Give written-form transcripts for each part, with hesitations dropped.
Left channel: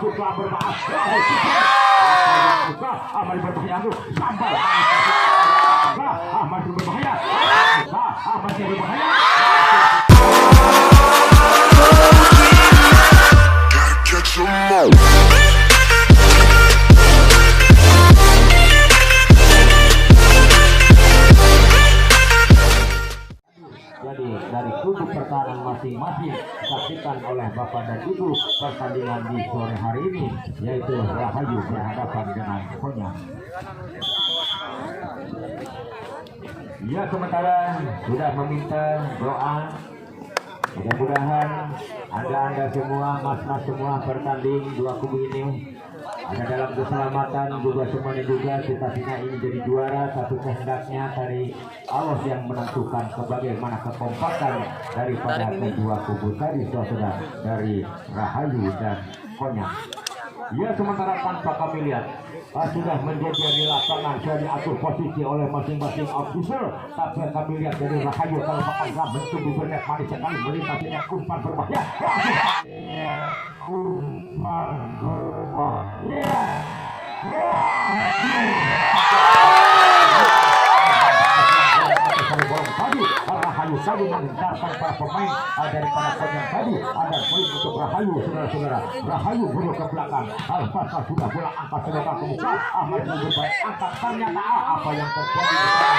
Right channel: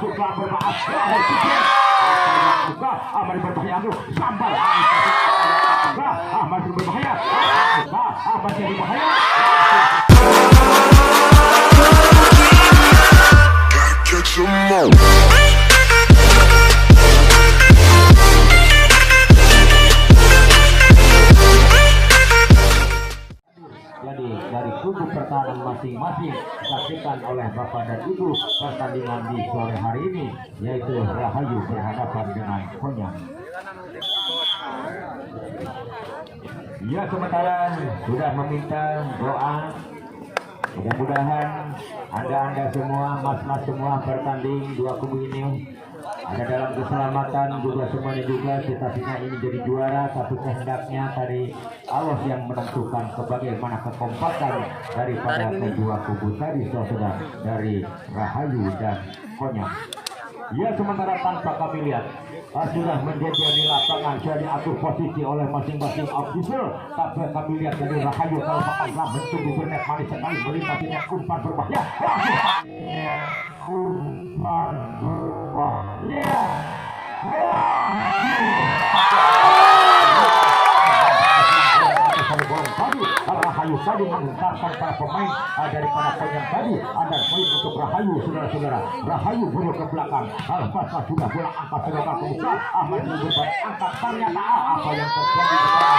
suka bermaaf suka aman berbahaya sampai masih berbahaya masih berbahaya. Catch 'em all. Jadi dari kubu pertahanan masing-masing disaksikan oleh Bapak dan Ibu pertandingan di sore hari ini, yaitu Rahayu berhadapan dengan Konyang. Ya, sementara sudah meminta doa, mudah-mudahan anda semua, mas-mas semua bertanding dua kubu ini ada dalam keselamatan juga, semuanya juga kita ini jadi juara. Satu kehendaknya dari Allah yang menentukan sebagaimana kekompakan daripada kedua kubu tadi, saudara, dari Rahayu dan Konyang. Ya, sementara tanpa kami lihat sudah menjadi di lapangan, sudah diatur posisi oleh masing-masing officer. Tapi kami lihat dari Rahayu kalau bakal bentuk bibirnya manis sekali melintasinya umpan berbahaya. Umpan berbahaya. Rahayu tadi menghentarkan para pemain daripada Konyang tadi. Ada poin untuk Rahayu, saudara-saudara. Rahayu buruk ke belakang. Al-Fasa sudah bola angkat sedotan ke muka. Ahmad Mujibah angkat, ternyata apa yang terjadi di sana.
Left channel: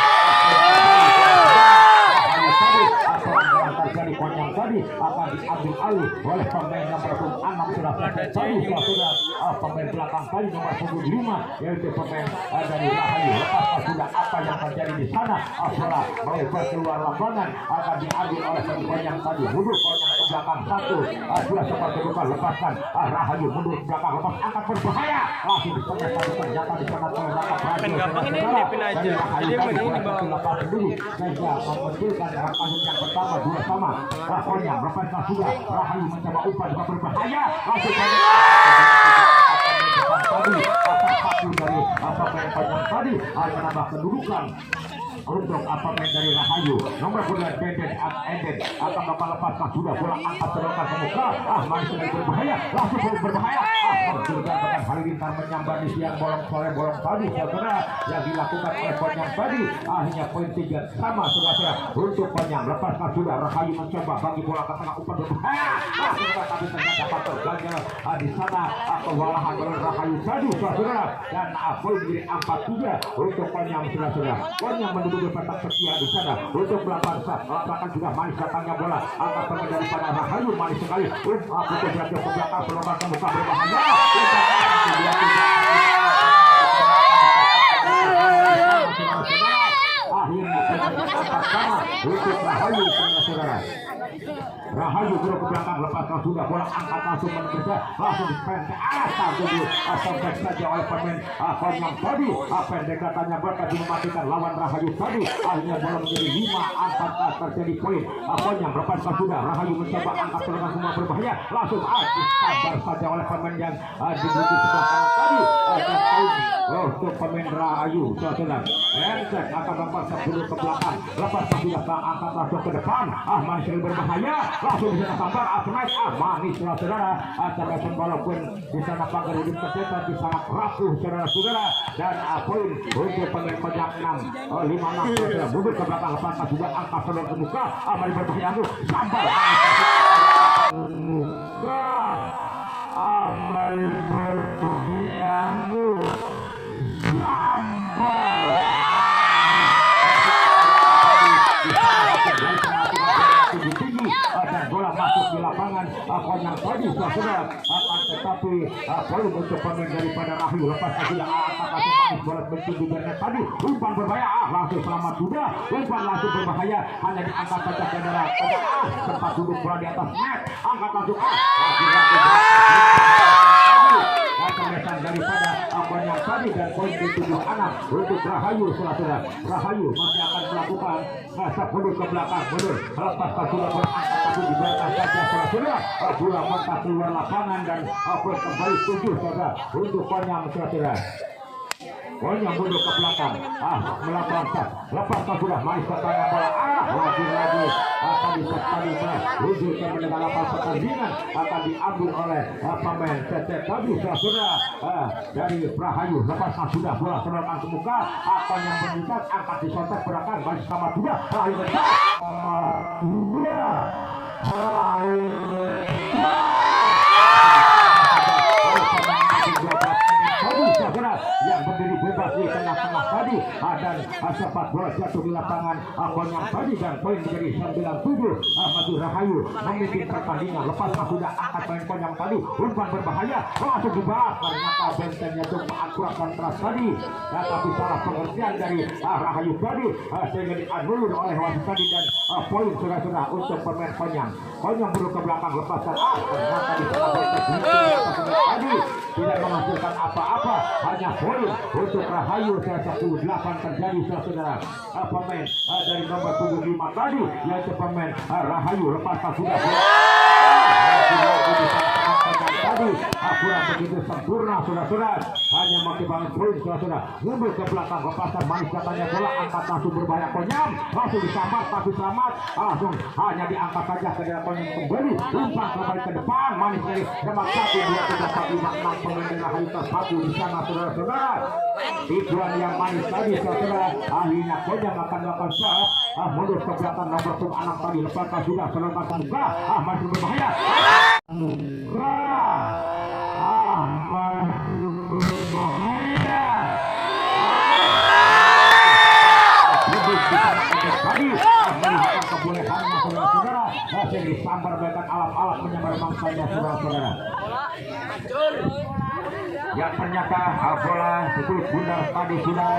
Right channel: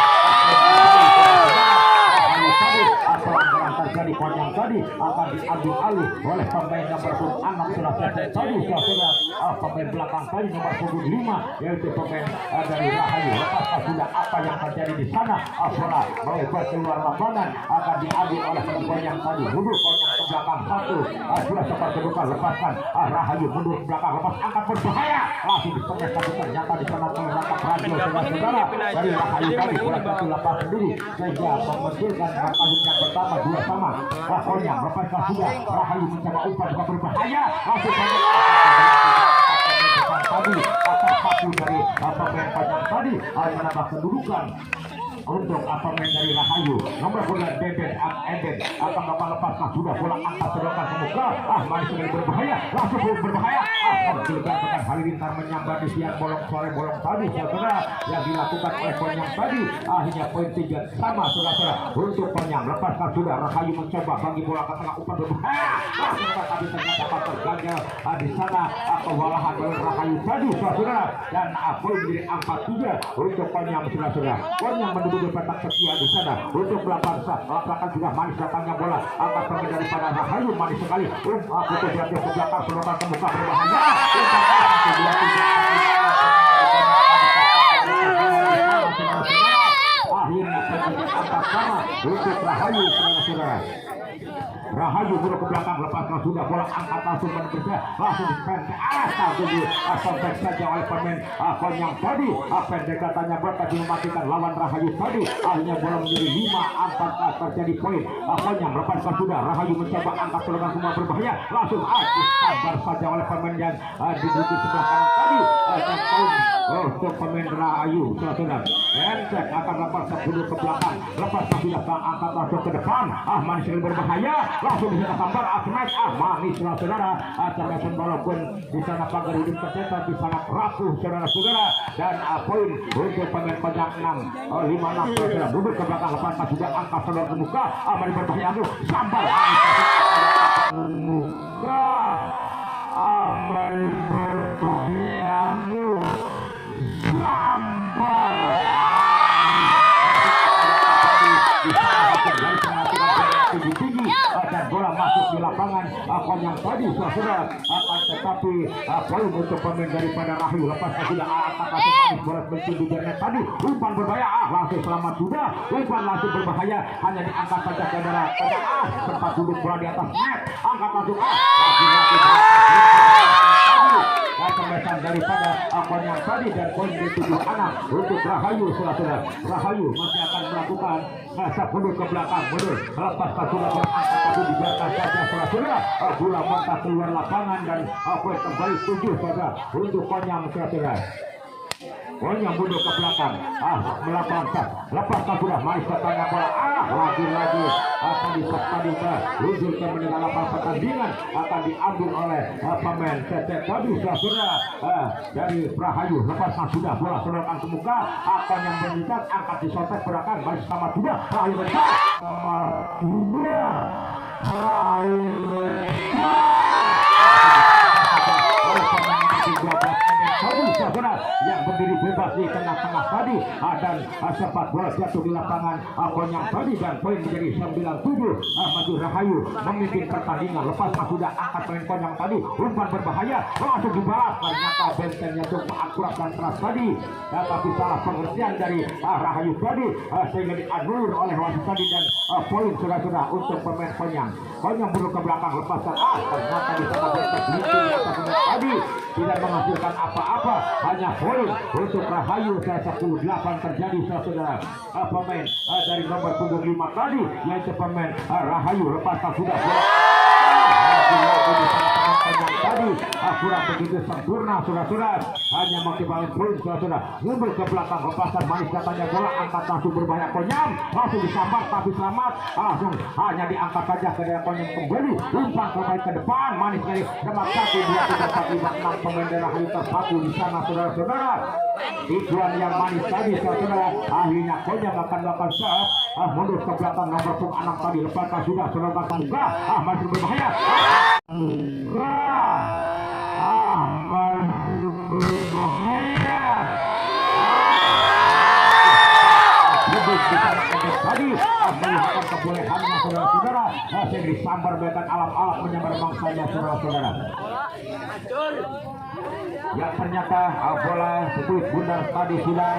Rahayu tadi pelanggaran terjadi. Konyang tadi akan diambil alih oleh pemain nomor 6 sudah selesai tadi, saudara. Pemain belakang tadi nomor 5 yaitu pemain dari Rahayu. Lepas sudah apa yang terjadi di sana. Bola melebar keluar lapangan akan diambil oleh Konyang tadi. Mundur Konyang ke belakang satu. Sudah seperti bukan lepaskan. Rahayu mundur ke belakang, lepas angkat berbahaya. Langsung ditengah satu, ternyata disengat oleh langkah Rahayu, saudara. Dari Rahayu tadi sudah satu lepas sendiri sehingga memunculkan pasukan yang pertama 2-sama. Konyang lepaskan sudah. Rahayu mencoba umpan juga berbahaya. Langsung saja tadi atas satu dari pemain Konyang tadi menambah kedudukan untuk pemain dari Rahayu. Nomor 9 Deden Eden akan lepas sudah bola angkat sedotan ke muka. Manis ini berbahaya, langsung berbahaya. Juga dengan Halilintar menyambar di siang bolong tadi, saudara, yang dilakukan oleh Konyang tadi. Akhirnya poin 3 sama, saudara, untuk Konyang. Lepaskan sudah. Rahayu mencoba bagi bola ke tengah umpan berbahaya. Tapi ternyata tergagal di sana kewalahan oleh Rahayu tadi, saudara, dan poin menjadi 4-3 untuk Konyang, saudara. Konyang menduduki petak setia di sana untuk belakang belakang juga manis datangnya bola. Angkat pemain daripada Rahayu manis sekali. Aku terjadi ke belakang sedotan ke muka berbahaya. Untuk Rahayu, saudara. Rahayu buruk ke belakang, lepas sudah bola angkat langsung menembusnya, langsung dipendek asal dulu sobek saja oleh pemain Konyang tadi. Pendekatannya berkat dimatikan lawan Rahayu tadi. Akhirnya bola menjadi 5-4 terjadi poin. Konyang lepaskan sudah. Rahayu mencoba angkat serangan semua berbahaya, langsung disabar saja oleh pemain yang diduduki sebelah kanan tadi. Dan poin untuk pemain Rahayu, saudara. Enteng akan lepas sebelum ke belakang, lepas sudah angkat langsung ke depan. Manis yang berbahaya, langsung bisa sambar Asnaik. Manis, saudara. Termasuk walaupun di sana pagar hidup tercetak di sangat rapuh, saudara-saudara. Dan poin untuk pemain Konyang 5-6, saudara. Duduk ke belakang, lepas juga angkat sedotan ke muka. Manis berbahaya, sambar muka. Manis berbahaya, tinggi dan bola masuk di lapangan Konyang tadi, saudara. Tetapi poin untuk pemain daripada Rahayu. Lepas sudah angkat langsung manis bola bentuk bibirnya tadi. Umpan berbahaya, langsung selamat sudah. Umpan langsung berbahaya, hanya diangkat saja saudara. Sempat duduk bola di atas net, angkat langsung kemesan daripada Konyang tadi, dan poin di 7-6 untuk Rahayu, saudara. Rahayu masih akan melakukan rasa mundur ke belakang, mundur lepas sudah berangkat tapi dibiarkan saja, saudara. Bola mentah keluar lapangan dan poin kembali 7, saudara, untuk Konyang, saudara. Konyang mundur ke belakang, melakukan tas, lepaskan sudah manis ke tengah bola, lagi-lagi akan disakadi menuju ke meninggalkan pertandingan, akan diambil oleh pemain CT Tadi sudah dari Rahayu, lepaskan sudah bola sedangkan ke muka, akan yang meningkat angkat disontek belakang, balik sama juga, Rahayu bergerak. Yang berdiri bebas di tengah-tengah tadi dan sempat bola jatuh di lapangan Konyang tadi dan poin menjadi 97. Maju Rahayu memimpin pertandingan. Lepaskan sudah angkat poin Konyang tadi, umpan berbahaya langsung dibahas, ternyata bentengnya itu akurat dan keras tadi, dan tapi salah pengertian dari Rahayu tadi sehingga dianulir oleh wasit tadi dan poin sudah untuk pemain Konyang. Konyang buruk ke belakang, lepaskan ternyata di sana benteng tadi tidak menghasilkan apa-apa, hanya poin untuk Rahayu. 18 terjadi saudara. Pemain dari nomor punggung 5 tadi yaitu pemain Rahayu, lepaskan sudah tadi kurang begitu sempurna saudara, hanya maksimal poin saudara. Mundur ke belakang, lepasan manis katanya bola, angkat langsung berbahaya Konyang, langsung disambar tapi selamat, langsung hanya diangkat saja ke dalam Konyang kembali, umpan kembali ke depan, manis dari demak 1, 2, 3, 4, 5, 6 pemain dari Rahayu tersatu di sana saudara. Iklan yang manis tadi saudara, akhirnya Konyang akan melakukan saat mundur ke belakang nomor punggung 6 tadi, lepaskan sudah selangkah ke muka, masih berbahaya. Tadi melihat kebolehannya saudara-saudara, masih disambar bahkan alat-alat menyambar mangsanya saudara-saudara. Yang ternyata bola sebut bundar tadi sudah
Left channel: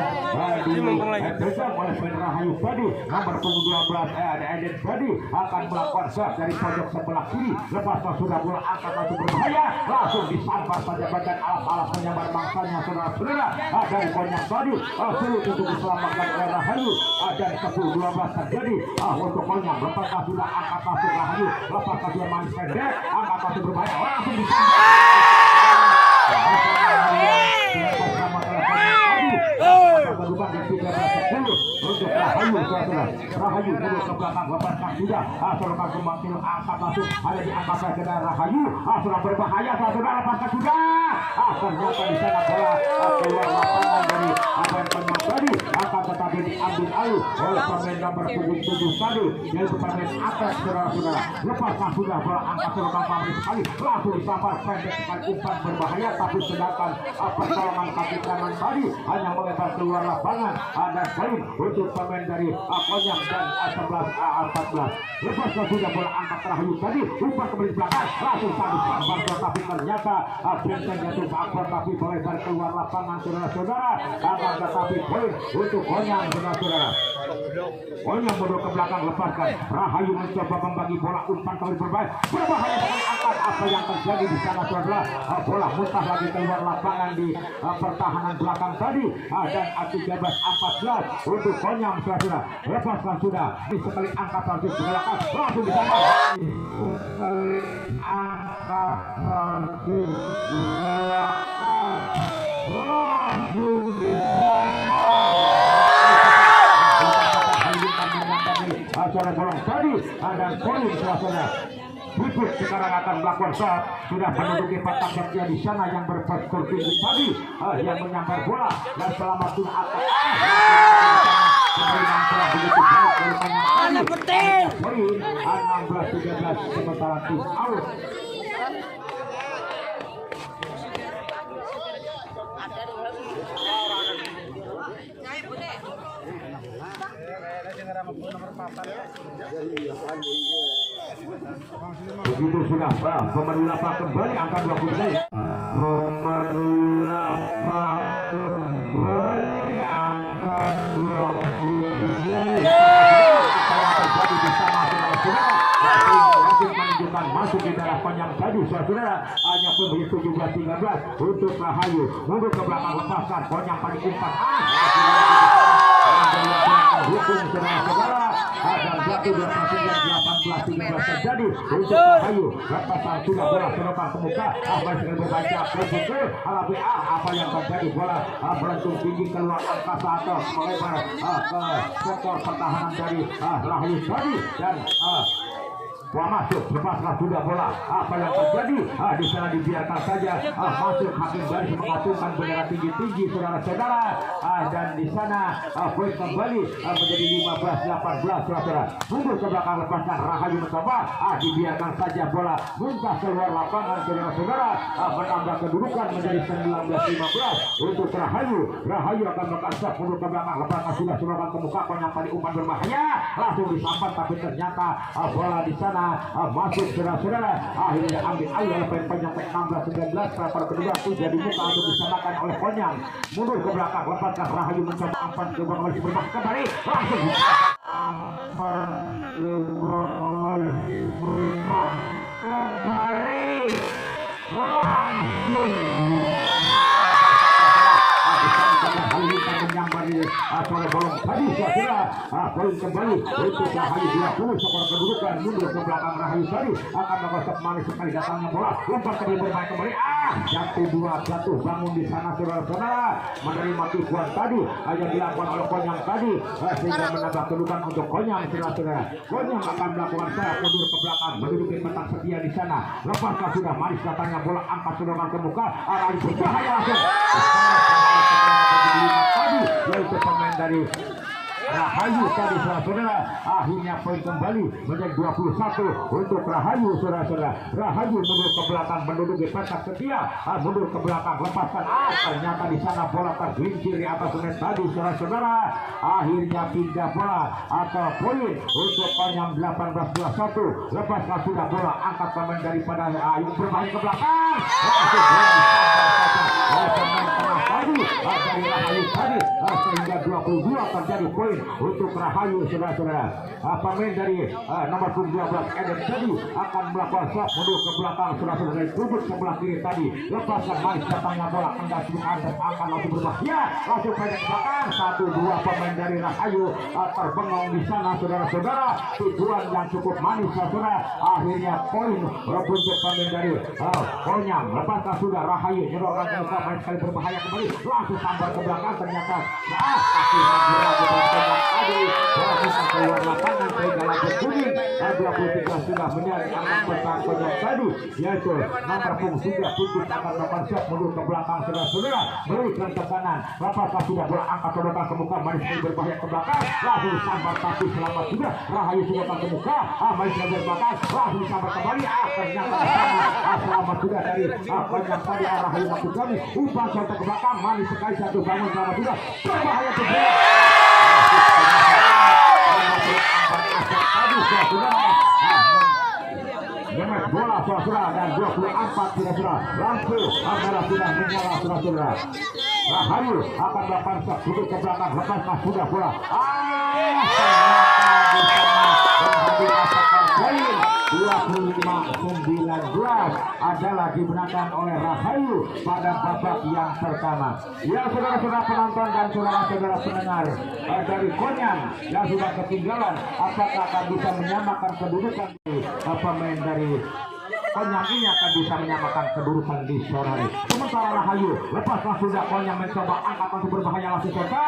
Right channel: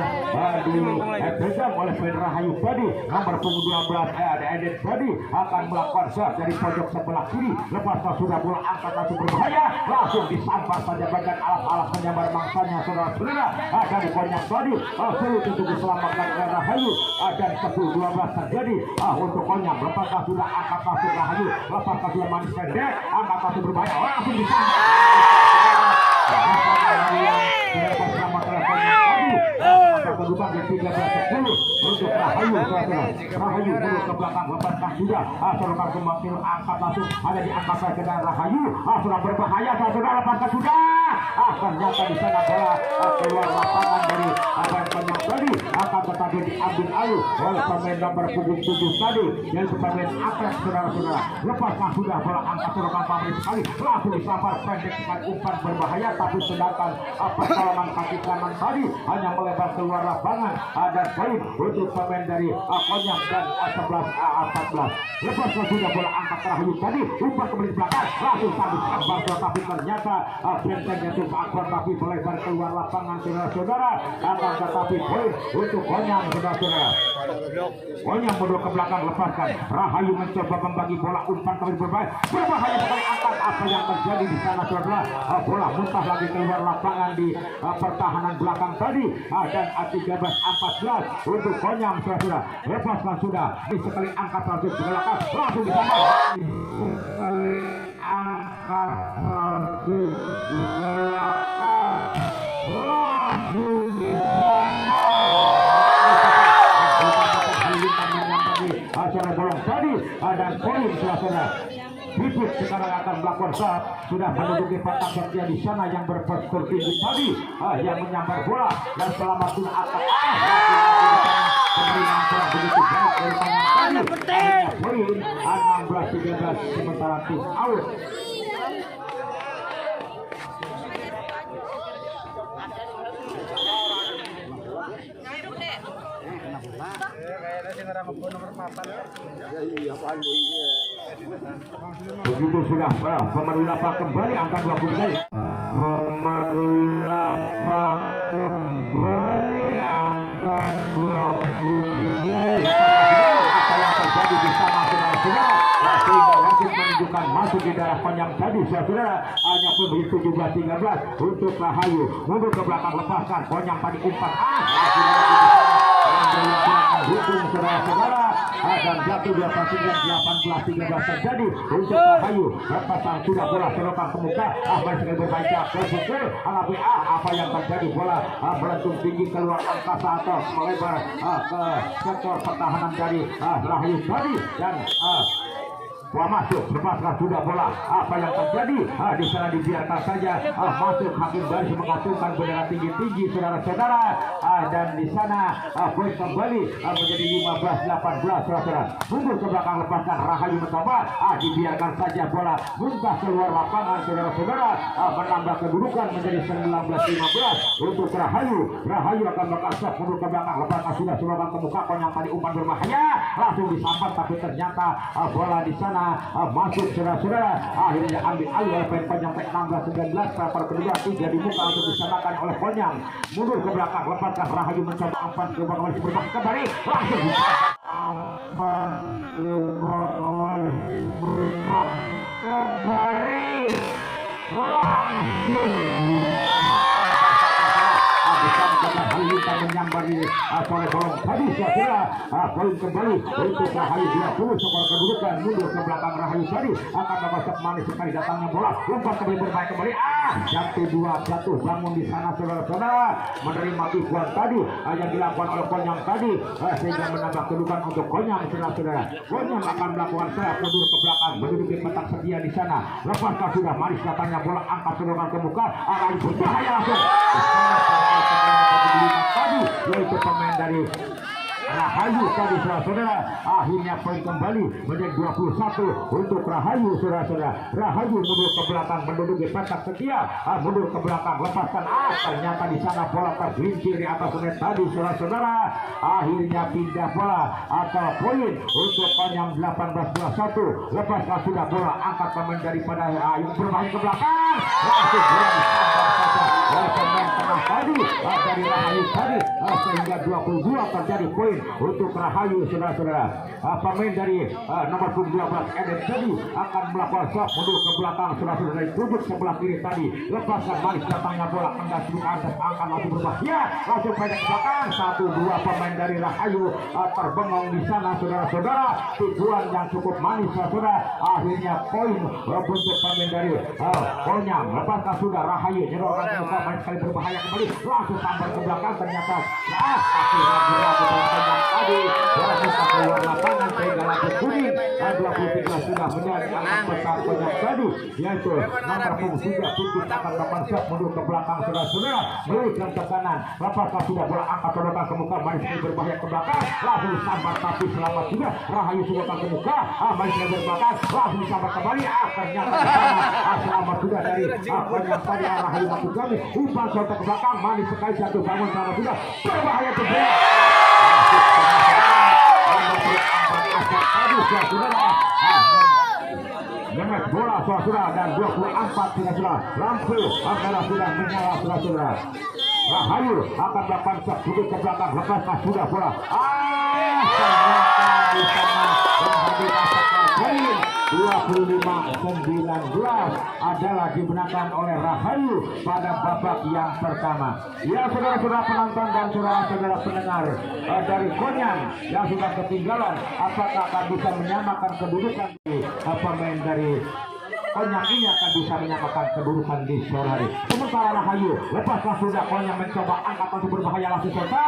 dipegang oleh pemain Rahayu tadi, nomor punggung 12 Eden tadi akan melakukan serve dari pojok sebelah kiri, lepaskan sudah bola angkat langsung berbahaya, langsung disambar saja bahkan alat-alat menyambar mangsanya saudara-saudara dari Konyang tadi, sulit untuk diselamatkan oleh Rahayu dan 10-12 terjadi untuk Konyang, lepaskan sudah angkat langsung Rahayu, lepaskan sudah manis pendek, angkat langsung berbahaya, langsung disambar bersama teleponnya tadi berubah ke 13-10 untuk Rahayu saudara. Rahayu mundur ke belakang, lepaskan sudah selepas semakin angkat langsung ada diangkat ke dalam Rahayu, sudah berbahaya saudara, lepaskan sudah ternyata di sana bola keluar lapangan dari Konyang tadi, akan tetapi diambil alih oleh pemain nomor punggung 7 tadi yaitu pemain atas saudara-saudara. Lepaskan sudah bola angkat terbang pamit sekali, langsung disambar pendek dengan umpan berbahaya, tapi sedangkan pertolongan kaki kanan tadi hanya melebar keluar lapangan. Ada poin untuk pemain dari Konyang dan 11-14. Lepaskan sudah bola angkat Rahayu tadi, umpan kembali belakang, langsung sambar tetapi ternyata bentengnya itu akbar tapi melebar keluar lapangan saudara-saudara. Akan tetapi poin untuk Konyang saudara-saudara. Konyang mundur ke belakang, lepaskan Rahayu mencoba membagi bola, umpan kembali berbahaya sekali, angkat apa yang terjadi di sana saudara. Bola muntah lagi keluar lapangan di pertahanan belakang tadi dan 13-14 untuk Konyang saudara. Lepaskan sudah di sekali angkat langsung ke belakang, langsung di sana angkat langsung acara bolong tadi dan poin saudara. Bibit sekarang akan melakukan shot, sudah menduduki patak kerja di sana yang berpostur tinggi tadi yang menyambar bola dan selamat sudah akan pemberian telah begitu baik dari Konyang tadi. Poin 16-13 sementara tim out. Begitu sudah pemerintah kembali angka 20 masuk di dalam Konyang tadi saudara, hanya pemberi 17-13 untuk Rahayu mundur ke belakang, lepaskan Konyang tadi umpan menghukum saudara-saudara agar jatuh di atas 18-13 terjadi untuk Rahayu. Lepasan sudah bola selokan ke muka, Ahmad sekali berbaca ke pukul apa yang terjadi, bola melentung tinggi keluar angkasa atau melebar ke sektor pertahanan dari Rahayu tadi dan bola masuk, lepaskan sudah bola. Apa yang terjadi? Di sana dibiarkan saja masuk. Hakim garis mengacungkan bendera tinggi-tinggi saudara-saudara. Dan di sana poin kembali menjadi 15-18 saudara. Mundur ke belakang, lepaskan Rahayu mencoba. Dibiarkan saja bola muntah keluar lapangan saudara-saudara. Menambah kedudukan menjadi 19-15 untuk Rahayu. Rahayu akan melakukan shot mundur ke belakang, lepaskan sudah selokan ke muka. Yang tadi umpan berbahaya langsung disambar, tapi ternyata bola di sana masuk saudara-saudara. Akhirnya ambil alih oleh pemain sampai 16-19. Para kedua 3 dibuka untuk disamakan oleh Konyang. Mundur ke belakang, lepaskan Rahayu mencoba umpan ke belakang oleh Superman kembali langsung menyambar di oleh bolong tadi saudara. Poin kembali untuk Rahayu 20 skor kedudukan. Mundur ke belakang Rahayu tadi akan mengosok manis sekali datangnya bola, umpan kembali bermain kembali jatuh bangun di sana saudara-saudara. Menerima tipuan tadi yang dilakukan oleh Konyang tadi sehingga menambah kedudukan untuk Konyang saudara-saudara. Konyang akan melakukan serang mundur ke belakang, menduduki kotak setia di sana. Lepaskan sudah manis datangnya bola, angkat serangan ke muka, Rahayu berbahaya langsung tadi yaitu pemain dari Rahayu tadi saudara. Akhirnya poin kembali menjadi 21 untuk Rahayu saudara-saudara. Rahayu mundur ke belakang, menduduki kotak setia, mundur ke belakang, lepaskan ternyata di sana bola tergelincir di atas net tadi saudara-saudara. Akhirnya pindah bola atau poin untuk Konyang 18-21. Lepaskan sudah bola, angkat pemain daripada Ayu bermain ke belakang, langsung bola disambar saja oleh pemain tengah tadi dari Rahayu tadi sehingga 22 terjadi poin untuk Rahayu saudara-saudara. Pemain dari nomor 12 Eden tadi akan melakukan shot mundur ke belakang saudara-saudara dari sudut sebelah kiri tadi. Lepaskan manis datangnya bola, anda sudah angkat masuk berbahaya langsung pendek ke belakang. 1-2 pemain dari Rahayu terbengong di sana saudara-saudara. Tujuan yang cukup manis saudara. Akhirnya poin untuk pemain dari Konyang. Lepaskan sudah Rahayu nyerongkan ke muka, main sekali berbahaya kembali langsung sambar ke belakang. Ternyata masih ragu-ragu dengan Konyang tadi. Bola bisa keluar lapangan sehingga lampu kuning 23 sudah menyerang pesan Konyang tadi, yaitu nomor punggung sudah titik akan melakukan shot mundur ke belakang saudara-saudara. Berikan ke kanan, lepaskan sudah bola, angkat selokan ke muka, manis sekali berbahaya ke belakang langsung sambar, tapi selamat sudah Rahayu sudah ke muka, manis sekali berbahaya langsung disambar kembali. Ternyata selamat sudah dari Konyang tadi. Rahayu masuk kembali, umpan shot ke belakang, manis sekali satu bangun selamat sudah berbahaya ke belakang. Dengan bola saudara dan 24 saudara, lampu adalah sudah menyala saudara. Rahayu akan melakukan shot duduk ke belakang, lepaskan sudah bola. Ternyata di sana menjadi masakan poin 25-19 adalah dimenangkan oleh Rahayu pada babak yang pertama. Ya saudara-saudara penonton dan saudara-saudara pendengar dari Konyang yang sudah ketinggalan, apakah akan bisa menyamakan kedudukan pemain dari Konyang ini akan bisa menyamakan kedudukan di sore hari. Sementara Rahayu lepaskan sudah, Konyang mencoba angkat untuk berbahaya langsung serta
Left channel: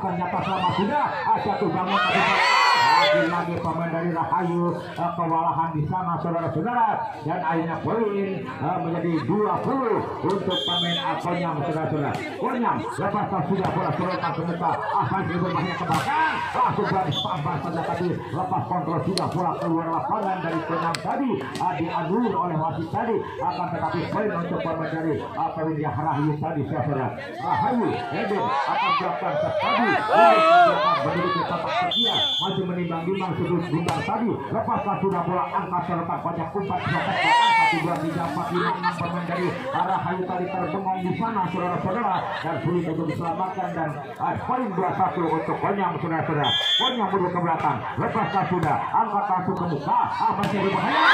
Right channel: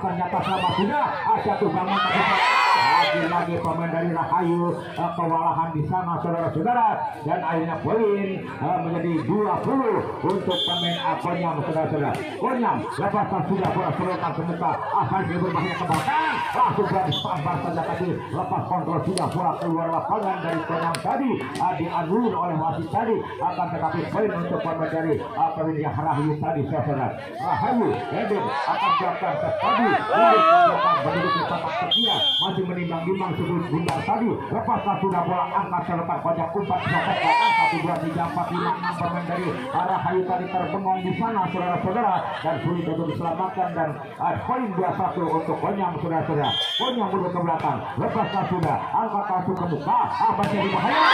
ternyata selamat sudah jatuh bangun lagi pemain dari Rahayu kewalahan di sana saudara-saudara, dan akhirnya poin menjadi 20 untuk pemain Konyang saudara-saudara. Konyang lepaskan sudah bola selokan ke muka, masih berbahaya ke belakang langsung berani sambar saja tadi, lepas kontrol sudah bola keluar lapangan dari Konyang tadi dianulir oleh wasit tadi, akan tetapi poin untuk pemain dari pemilihan Rahayu tadi saudara. Rahayu Eden akan melakukan tadi menduduki kotak setia, masih menimbang-nimbang sudut bundar tadi. Lepaskan sudah bola, angkat selokan Konyang, umpan selokan 1, 2, 3, 4, 5, 6 pemain dari Rahayu tadi terbengong di sana saudara-saudara, dan sulit untuk diselamatkan, dan poin 21 untuk Konyang saudara-saudara. Konyang mundur ke belakang, lepaskan sudah, angkat langsung ke muka, masih berbahaya.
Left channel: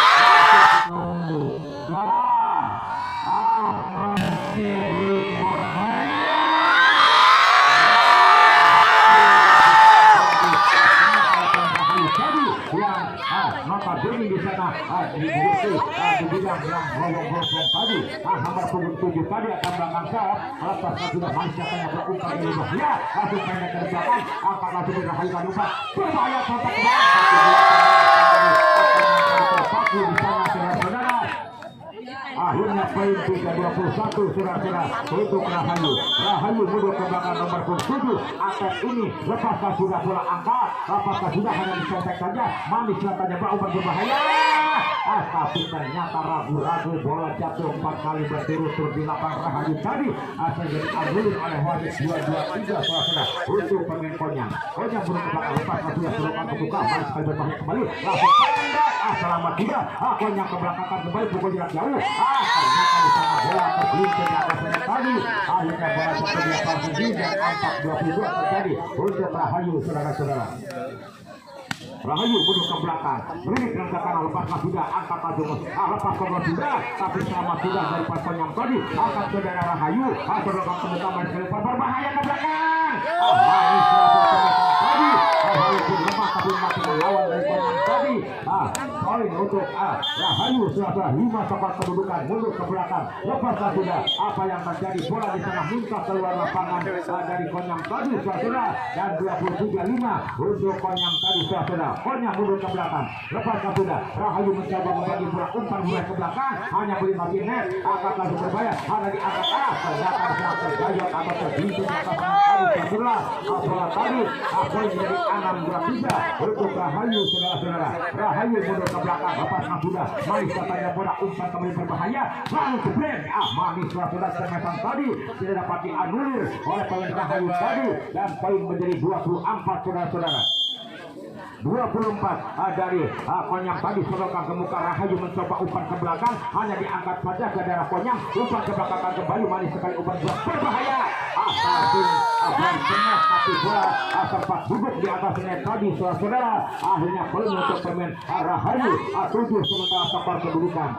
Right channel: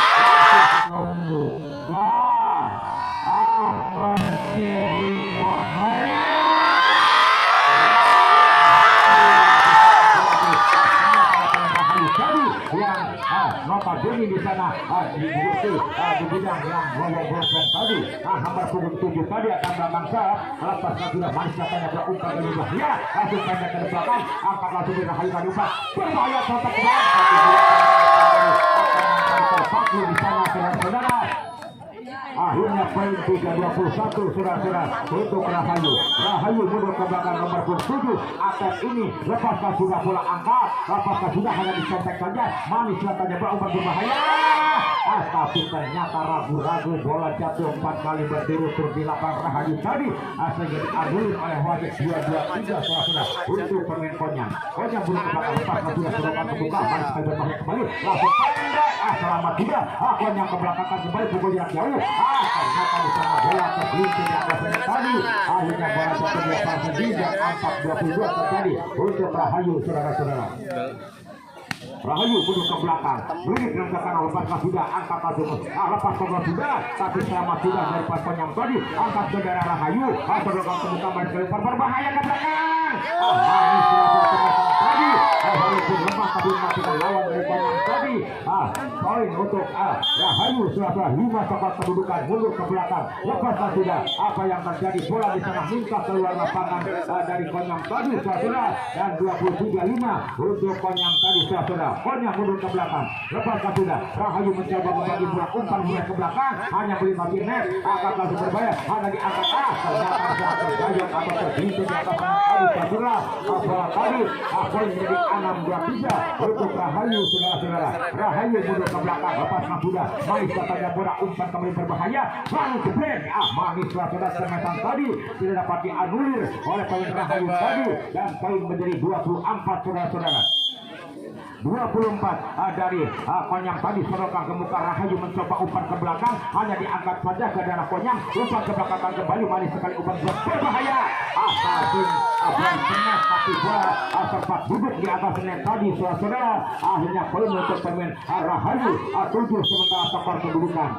apakah bunyi di sana di bidang yang ngomong-ngomong tadi. Nomor punggung 7 tadi akan belakang serap, lepaskan sudah manis katanya berumpan dari bahaya, langsung pendek ke belakang, angkat langsung di Rahayu tadi umpan, berbahaya sampai ke dalam, tapi dia akan terpaku di sana saudara-saudara. Akhirnya poin 3-21 saudara-saudara untuk Rahayu. Rahayu mundur ke belakang nomor 7 akan ini lepaskan sudah bola angkat, lepaskan sudah hanya disentek saja, manis katanya berumpan berbahaya. Tapi ternyata ragu-ragu bola jatuh 4 kali berturut-turut di lapangan Rahayu tadi, sehingga diadulin oleh wasit 2-2-3 saudara untuk pemain Konyang. Konyang mundur ke belakang, lepaskan sudah selokan kebuka, manis sekali berbahaya kembali, langsung pendek, selamat juga. Konyang ke belakang kembali pukul jarak jauh. Ternyata di sana bola tergelincir di atas tadi. Akhirnya bola jatuh di atas sendiri dan 4-22 terjadi untuk Rahayu saudara-saudara. Rahayu mundur ke belakang, beri gerakan lepaskan sudah, angkat langsung, lepaskan sudah, tapi selamat sudah dari pasangan yang tadi, angkat bendera Rahayu, sebelum kemudian main ke depan berbahaya ke belakang. Manis tadi, Rahayu pun lemah tapi masih melawan dari pasangan tadi. Poin untuk Rahayu sudah 5 tempat kedudukan, mundur ke belakang, lepaskan sudah, apa yang terjadi, bola di sana minta keluar lapangan dari Konyang tadi sudah, dan 23-5 untuk Konyang tadi sudah. Konyang mundur ke belakang, lepaskan sudah, Rahayu mencoba membagi bola umpan ke belakang, hanya beri mati net, angkat langsung berbahaya, hanya diangkat, ternyata bisa tergayat atau tergelincir di atas bola tadi, poin menjadi 6-2-3 untuk Rahayu saudara-saudara. Rahayu mundur ke belakang, lepaskan sudah, manis katanya bola umpan kembali berbahaya, lalu jebret, manis saudara semesan tadi tidak dapat dianulir oleh pemain Rahayu tadi, dan poin menjadi 24 saudara-saudara. 24 dari Konyang tadi selokan ke muka. Rahayu mencoba umpan ke belakang, hanya diangkat saja ke daerah Konyang, umpan ke belakang kembali, manis sekali umpan berbahaya, langsung benar, tapi bola sempat duduk di atas net tadi saudara. Akhirnya poin untuk pemain Rahayu 7 sementara skor kedudukan.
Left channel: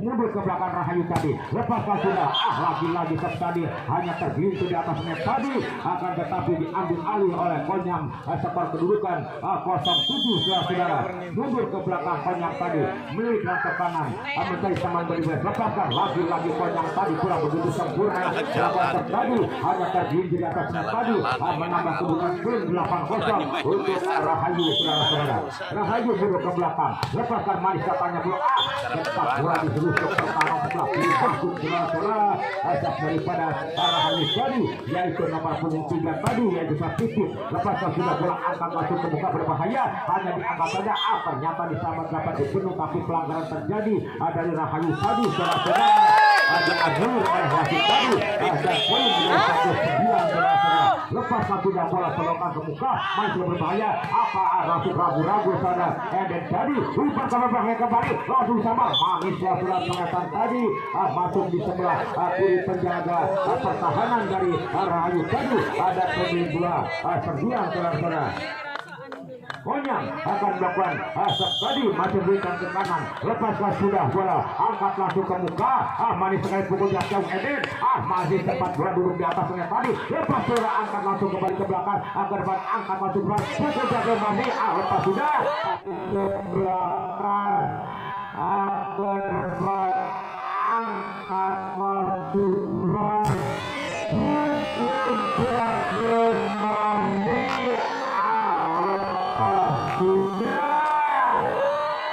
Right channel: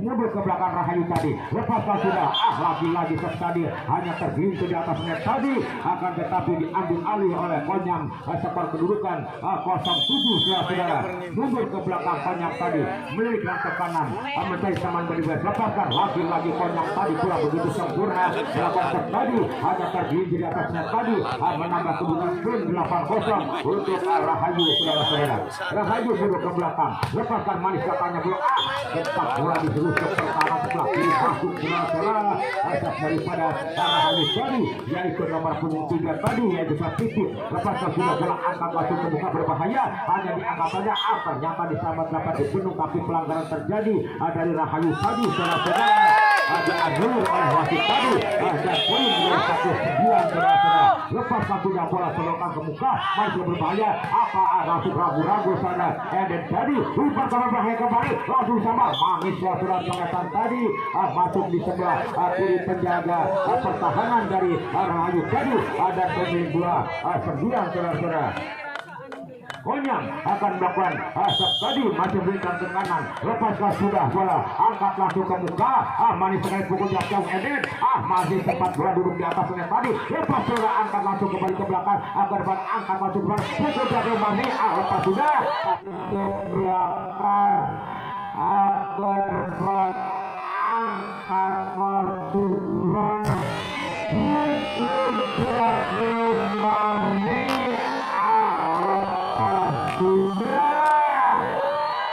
Mundur ke belakang Rahayu tadi, lepaskan sudah, lagi-lagi tadi hanya tergelincir di atas net tadi, akan tetapi diambil alih oleh Konyang. Skor kedudukan 0-7 saudara. Mundur ke belakang Konyang tadi, memberikan tekanan, mencari teman dari lepaskan, lagi-lagi Konyang tadi kurang begitu sempurna, lawan terjadi hanya tergelincir di atas net tadi, menambah kedudukan poin 8-0 untuk Rahayu saudara-saudara. Rahayu mundur ke belakang, lepaskan, manis katanya bola, tetap bola diseruskan pertahanan setelah dimasuk saudara-saudara daripada Rahayu tadi, yaitu nomor punggung 3 tadi, yaitu Sapitip. Lepaskan sudah bola, angkat langsung ke muka berbahaya, hanya diangkat saja, ternyata diselamat dapat dibunuh, tapi pelanggaran terjadi dari Rahayu tadi saudara-saudara. Nur wasit tadi, dan poin menjadi 1-9 saudara-saudara. Lepaskan sudah bola selokan ke muka, masih berbahaya, langsung ragu-ragu saudara, dan tadi umpan ke berbahaya kembali, langsung sama manis surat pengetan tadi, masuk di sebelah kiri penjaga pertahanan dari Rahayu tadi, ada pemain 2-9 saudara-saudara. Konyang akan melakukan tadi masih berikan tekanan, lepaskan sudah bola, angkat langsung ke muka, manis sekali pukul jauh Eden, masih sempat bola duduk di atas net tadi, lepas bola, angkat langsung kembali ke belakang, agar angkat masuk bola, pukul jauh manis, lepas sudah belakang,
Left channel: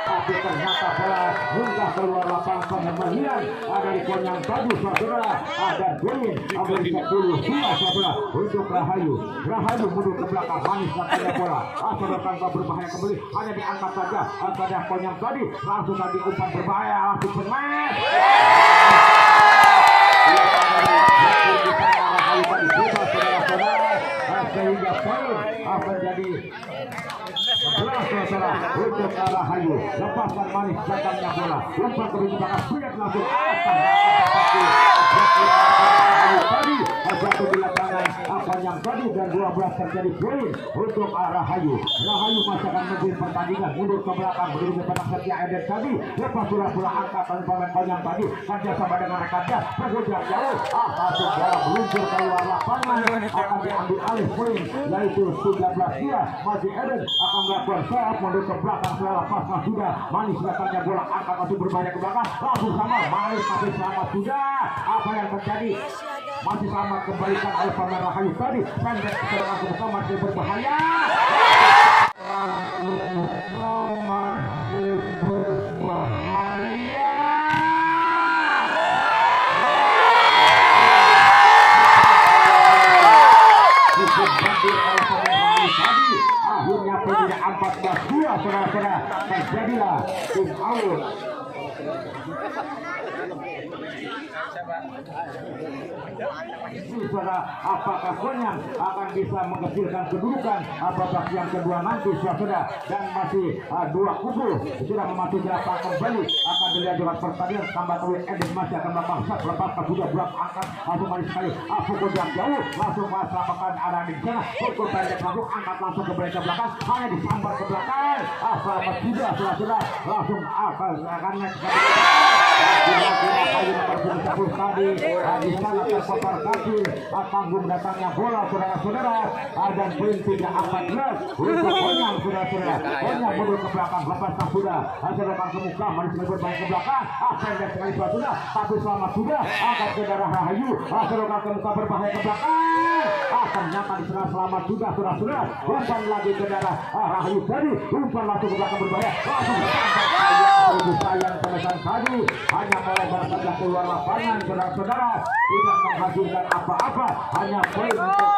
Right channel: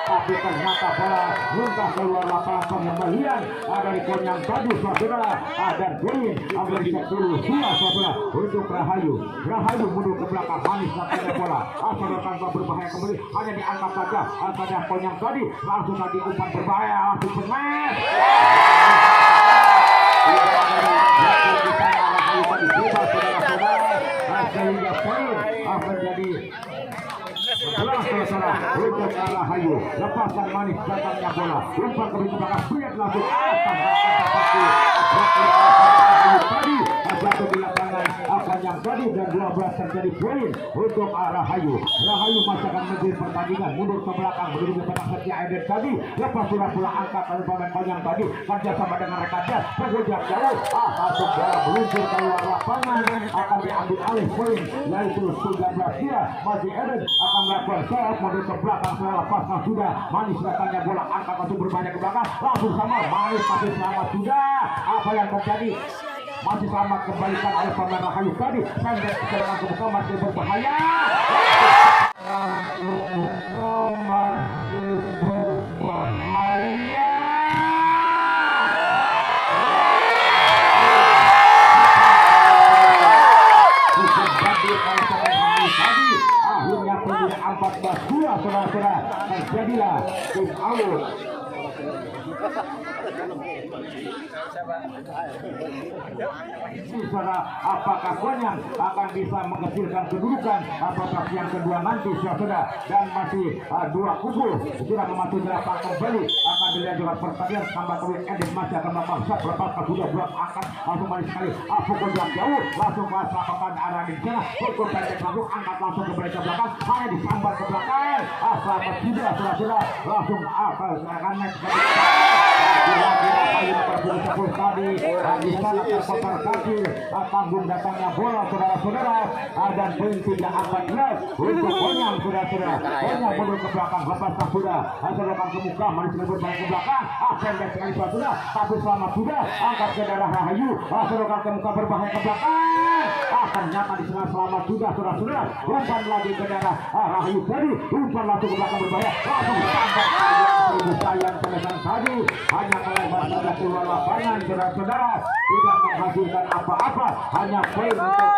tapi ternyata bola mudah keluar lapangan pengembalian dari Konyang tadi saudara, dan poin memberi 10-2 saudara untuk Rahayu. Rahayu mundur ke belakang, manis katanya bola, selokan berbahaya kembali, hanya diangkat saja pada Konyang tadi, langsung tadi umpan berbahaya, langsung benar. Rahayu tadi bebas saudara-saudara, sehingga poin menjadi untuk Rahayu. Lepaskan manis jatahnya bola, umpan ke belakang, siap langsung akan Rahayu tadi jatuh di lapangan, akannya konyang tadi dan 12 terjadi poin untuk Rahayu. Rahayu masih akan menjadi pertandingan mundur ke belakang menuju ke penang setia Eden tadi. Lepas sudah pula angkat dari pemain konyang tadi kerjasama dengan rekannya pengujar jauh. Masuk bola meluncur ke luar lapangan akan diambil alih poin yaitu 13-2. Masih Eden akan melakukan serve mundur ke belakang setelah lepas sudah manis datangnya bola angkat untuk berbahaya ke belakang langsung sama manis tapi selamat sudah. Apa yang terjadi masih selamat kembalikan oleh pemain Rahayu tadi pendek serangan ke belakang masih berbahaya. Akhirnya penjara 14-2 saudara-saudara terjadilah tim out. Saudara, apakah Konyang akan bisa menghasilkan kedudukan babak yang kedua nanti saudara dan masih dua kubu sudah memasuki lapangan kembali akan dilanjutkan pertandingan tambah kali Eden masih akan memaksa lepaskan sudah buat angkat langsung balik sekali pukul yang jauh langsung merasakan ada di sana pukul pendek masuk angkat langsung ke belakang hanya disambar ke belakang selamat sudah saudara langsung akan next tadi di sana terkotor kaki tanggung datangnya bola saudara-saudara dan poin tidak akan jelas untuk Konyang saudara-saudara. Konyang mundur ke belakang lepaskan sudah selokan ke muka manis berbalik ke belakang pendek sekali sudah tapi selamat sudah angkat ke darah Rahayu selokan ke muka berbahaya ke belakang ternyata di sana selamat sudah saudara-saudara umpan lagi ke darah Rahayu tadi umpan langsung ke belakang berbahaya langsung sayang pemesan tadi hanya melebar saja keluar lapangan saudara-saudara tidak menghasilkan apa-apa hanya poin untuk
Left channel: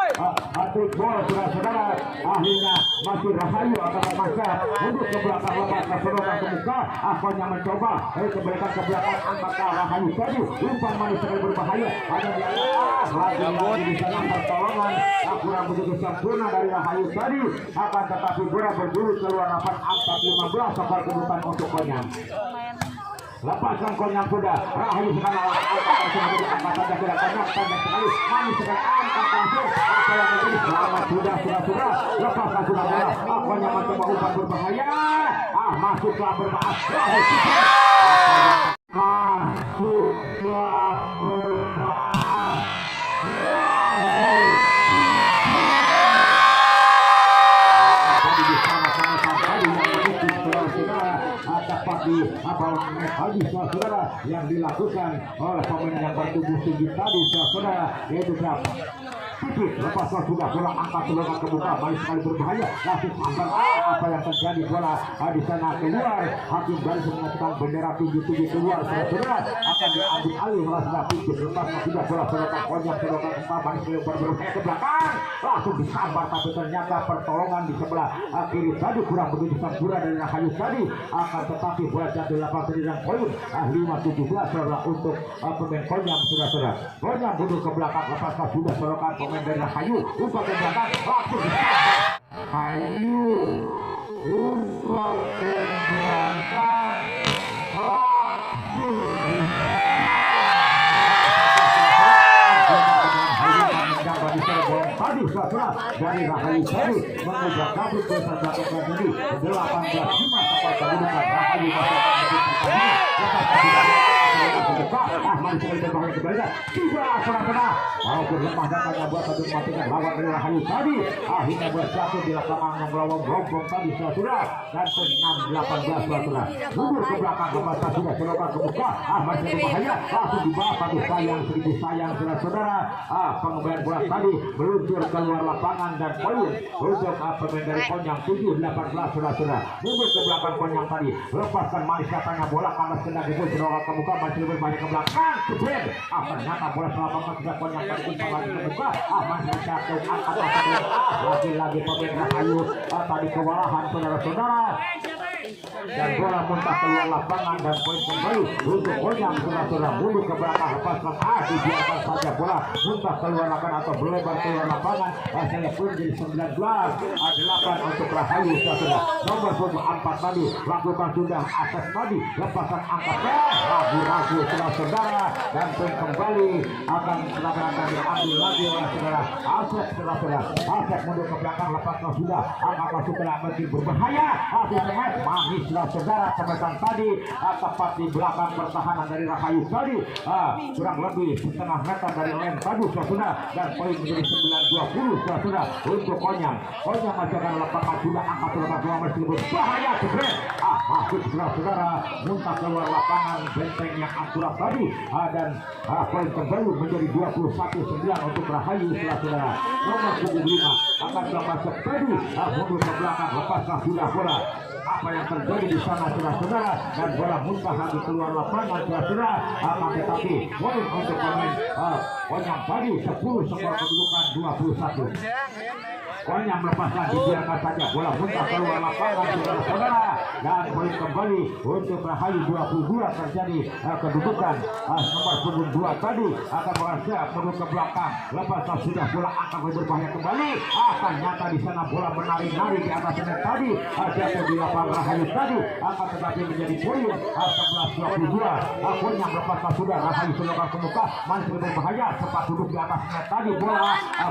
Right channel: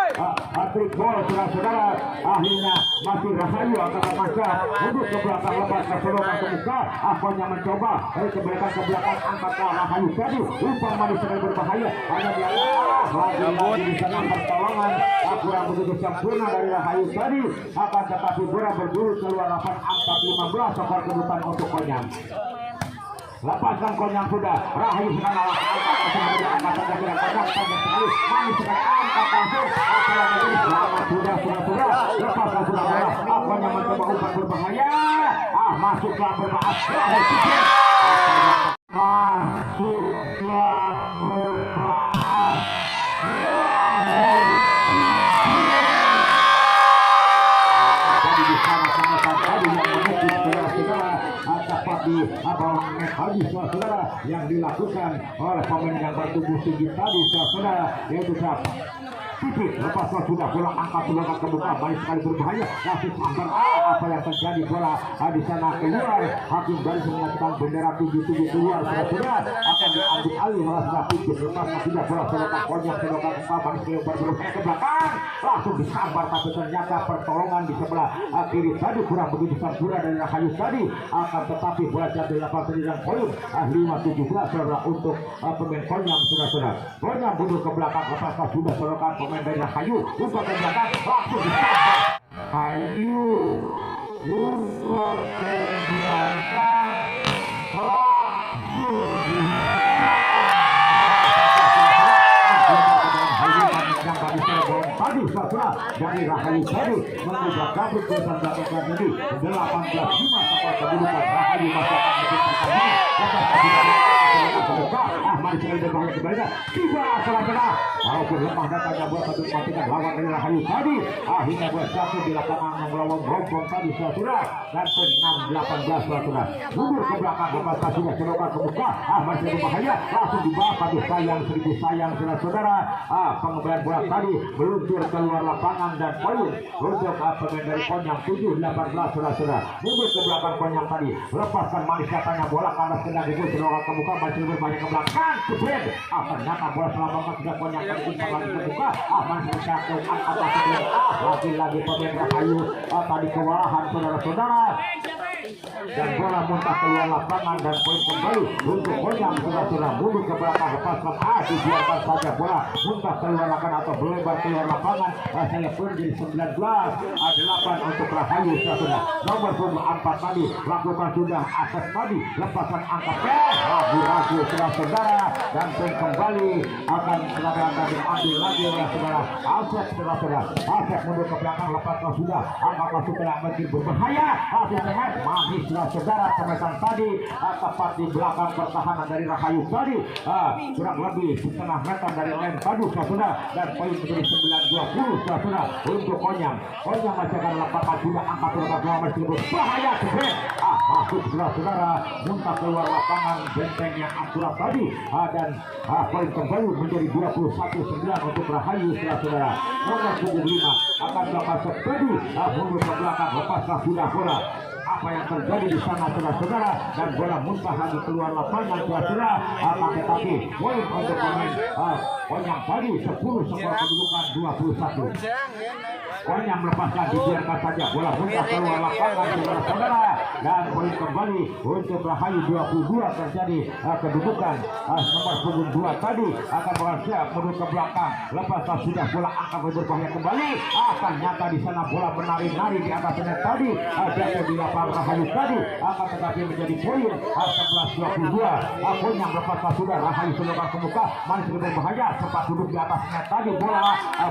trik bola saudara-saudara. Akhirnya masih Rahayu angkat masa untuk ke belakang lepas ke selokan ke muka Konyang mencoba ke belakang angkat ke Rahayu tadi umpan manis sekali berbahaya hanya lagi di sana pertolongan kurang begitu sempurna dari Rahayu tadi akan tetapi bola berburu keluar lapangan 4-15 skor kedudukan untuk Konyang. Lepaskan Konyang sudah Rahayu sedang lawan angkat saja tidak Konyang pendek sekali manis sedang angkat langsung apa yang menjadi selamat sudah lepaskan sudah bola Konyang mencoba umpan berbahaya masuklah berbahaya di abang habis saudara yang dilakukan oleh pemain yang bertubuh tinggi tadi saudara yaitu Pipit lepas sudah bola angkat selokan ke muka manis sekali berbahaya langsung sambar apa yang terjadi bola di sana keluar hakim garis mengatakan bendera 7-7 keluar saudara akan diambil alih oleh sudah Pipit lepas sudah bola selokan Konyang selokan muka manis sekali berbahaya ke belakang langsung disambar tapi ternyata pertolongan di sebelah kiri tadi kurang begitu sempurna dari Rahayu tadi akan tetapi bola jatuh yang dan poin 5-17 saudara untuk pemain Konyang saudara. Konyang mundur ke belakang lepas sudah selokan pemain dari Rahayu umpan ke belakang langsung disambar Rahayu umpan ke belakang tadi setelah dari Rahayu tadi mengubah kabut kesan belakang tadi 18-5 sampai kedudukan Rahayu masih akan menjadi pertandingan masih sekali berbahaya kembalikan tiga saudara walaupun lemah datangnya buat satu kematian lawan dari Rahayu tadi akhirnya buat jatuh di lapangan menggelawang rombong tadi saudara dan 6-18 saudara mundur ke belakang lepas sudah selokan ke muka masih berbahaya langsung dibawa pada sayang seribu sayang saudara pengembalian bola tadi meluncur keluar lapangan dan poin untuk pemain dari Konyang 7-18 saudara mundur ke belakang Konyang tadi lepaskan manis katanya bola kandas kena dibul selokan ke muka masih berbahaya ke belakang kemudian ternyata bola selamatkan sudah Konyang tadi kembali ke muka masih jatuh lagi-lagi pemain Rahayu tadi kewalahan saudara-saudara dan bola muntah keluar lapangan dan poin kembali untuk Onyang sudah mundur ke belakang lepaskan dibiarkan saja bola muntah keluar lapangan atau melebar keluar lapangan. Rasanya pun jadi 19 8 untuk Rahayu sudah nomor 4 tadi lakukan sudah atas tadi lepasan angkat ragu sudah saudara dan poin kembali akan akan diambil lagi oleh saudara Asep Asep mundur ke belakang lepaskan sudah angkat masuk ke makin berbahaya sehat manis sudah saudara teman tadi tepat di belakang pertahanan dari Rahayu tadi kurang lebih setengah meter dari lem tadi sudah dan poin menjadi 9-20 sudah untuk Onyang masih akan lepaskan sudah angkat ke masih berbahaya sebret masuk saudara muntah keluar lapangan benteng yang akurat tadi dan poin kembali menjadi 21-9 untuk Rahayu saudara nomor 75 akan dapat sepedi mundur ke belakang lepaskan sudah bola apa yang terjadi di sana saudara dan bola muntah lagi keluar lapangan saudara akan tetapi poin untuk pemain Onyang tadi 10 skor kedudukan 21 Onyang melepaskan dibiarkan saja bola muntah keluar lapangan saudara dan poin kembali untuk Rahayu 22 terjadi kedudukan nomor 2 tadi akan berhasil mundur ke belakang lepaskan sudah bola akan berbahaya kembali akan nyata di sana bola menari-nari di atas net tadi jatuh di lapangan Rahayu tadi akan tetapi menjadi poin 11-22 Onyang melepaskan sudah Rahayu sudah ke muka masih berbahaya sempat duduk di atas net tadi bola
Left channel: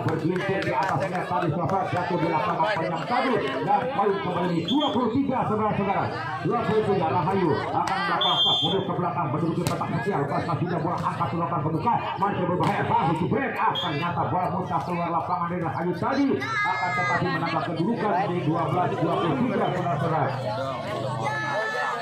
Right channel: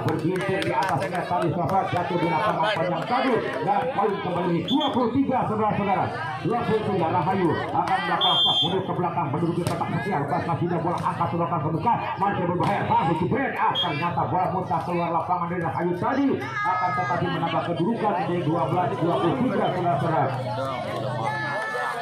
bergincir di atas net tadi jatuh di lapangan Onyang tadi dan poin kembali 23 saudara-saudara 23 Rahayu akan melakukan stop mundur ke belakang menduduki kotak kecil lepaskan sudah bola angkat ke muka masih berbahaya masih dibreak ternyata bola muntah keluar lapangan dari Rahayu tadi akan tetapi menambah kedudukan menjadi 12-23 saudara-saudara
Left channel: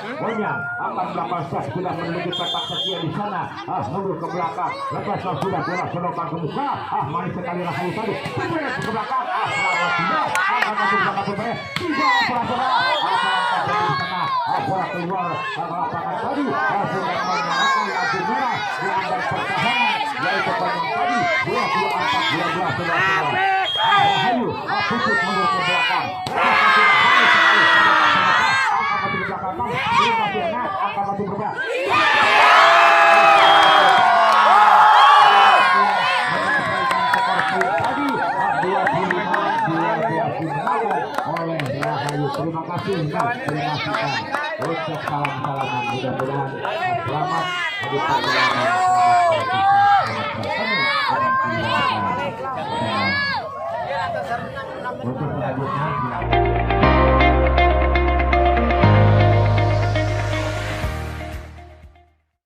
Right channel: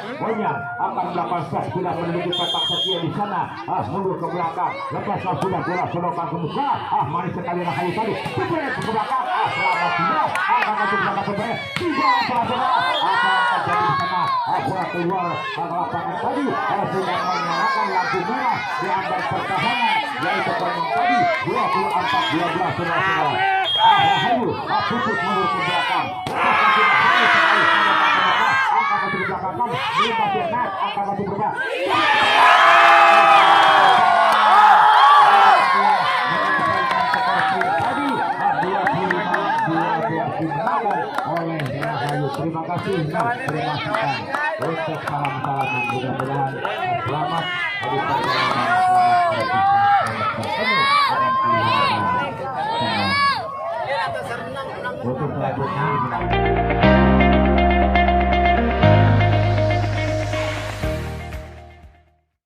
Onyang akan melakukan stop sudah menuju kotak kecil di sana mundur ke belakang lepaskan sudah bola selokan ke muka manis sekali Rahayu tadi dibreak ke belakang selamat tidak akan masuk ke belakang sebenarnya tidak saudara akan terjadi di sana bola keluar lapangan tadi sudah mengenakan lampu merah di antara pertahanan yaitu Onyang tadi 24-12 saudara-saudara Rahayu putus mundur ke belakang lepaskan sudah manis sekali angkat masuk ke belakang belum masih enak angkat masuk ke belakang tadi 25-12 oleh Rahayu. Terima kasih terima kasih untuk salam-salam yang mudah-mudahan selamat di perjalanan selamat bertemu dengan keluarga semua. Untuk selanjutnya